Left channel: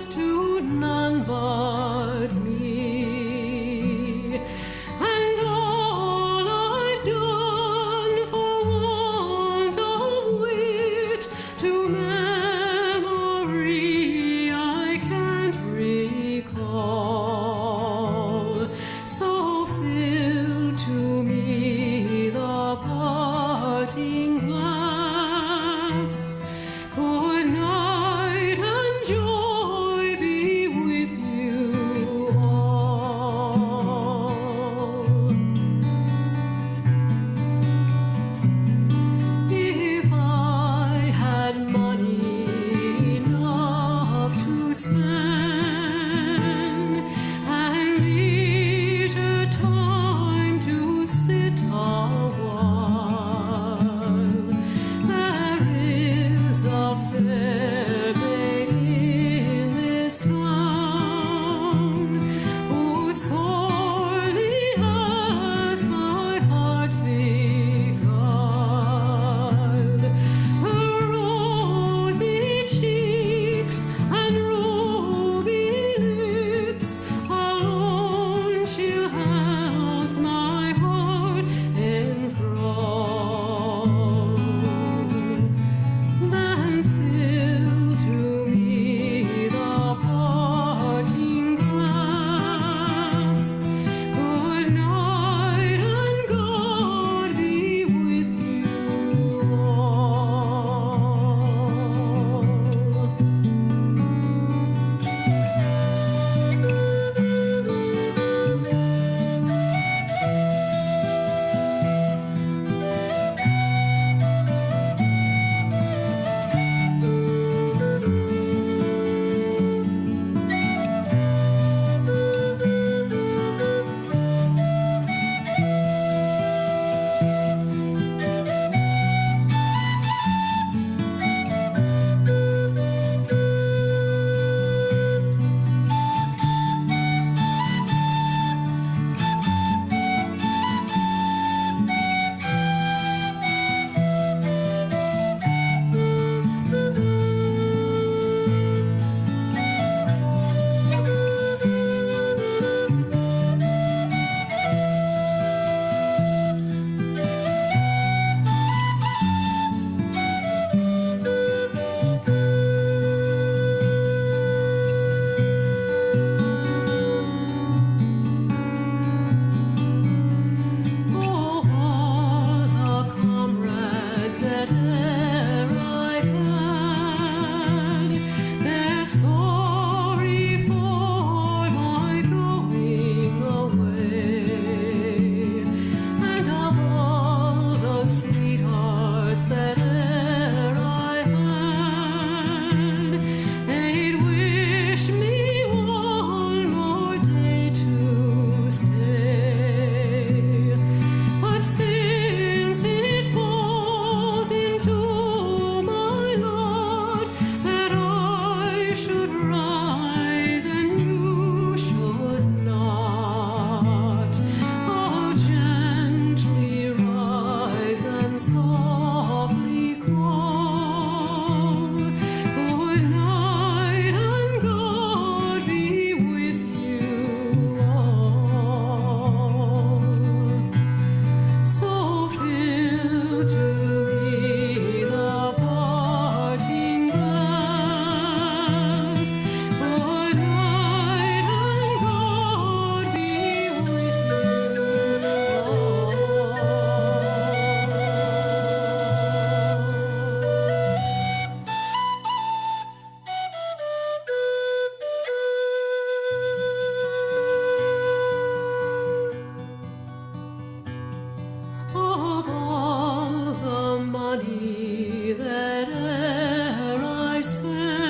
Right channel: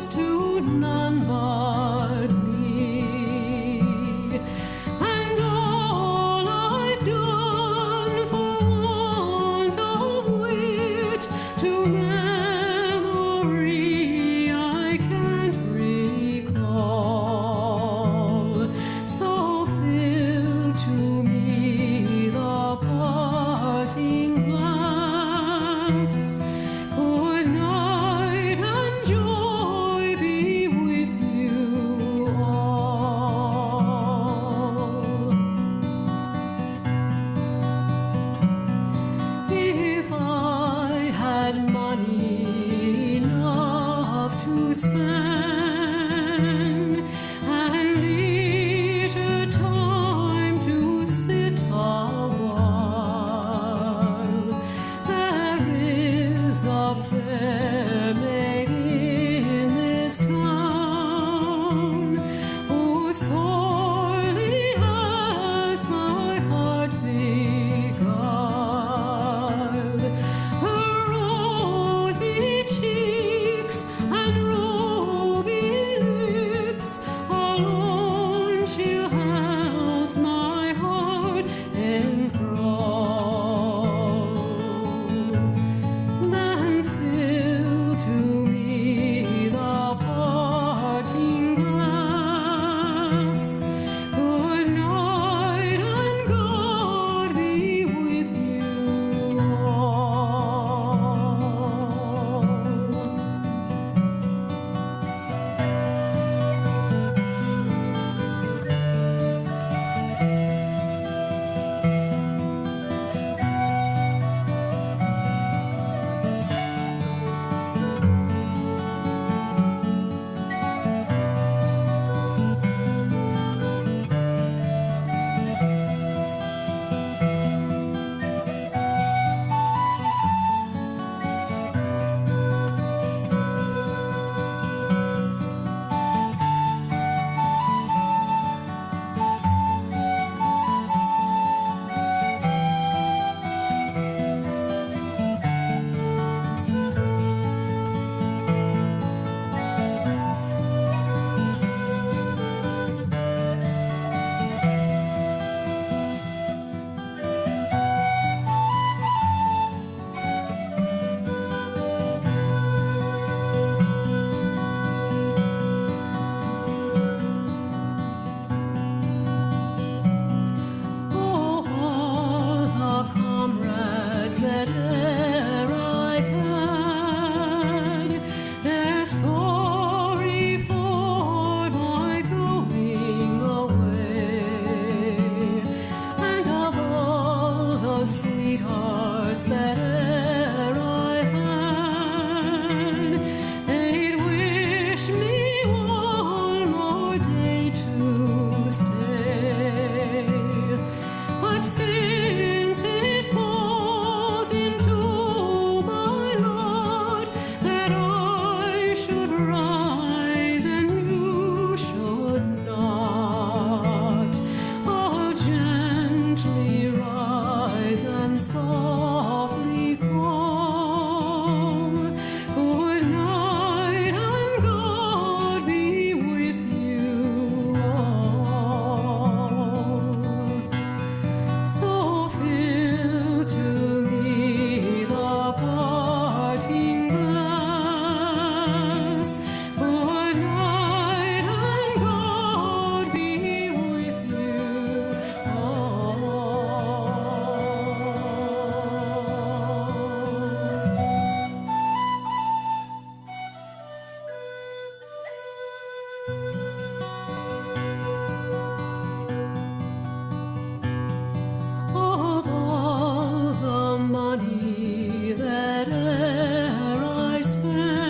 goes to none but me. And all I've done for want of wit to memory I can't recall. So fill to me the parting glass. Good night and joy be with you all. If I had money enough to spend and leisure time to sit a while, there is a fair maid in this town who sorely has my heart beguiled. Her rosy cheeks and ruby lips alone she holds my heart enthralled. Then fill to me the parting glass. Good night and God be with you all. That e'er I've had, they're sorry for my going away. And of all the sweethearts that e'er I had, they'd wish me one more day to stay. But since it falls into my lot that I should rise and you should not, I'll gently rise and softly call. Good night and God be with you all. So fill to me the parting glass. Good night and God be with you all. Of all the money that e'er I spent,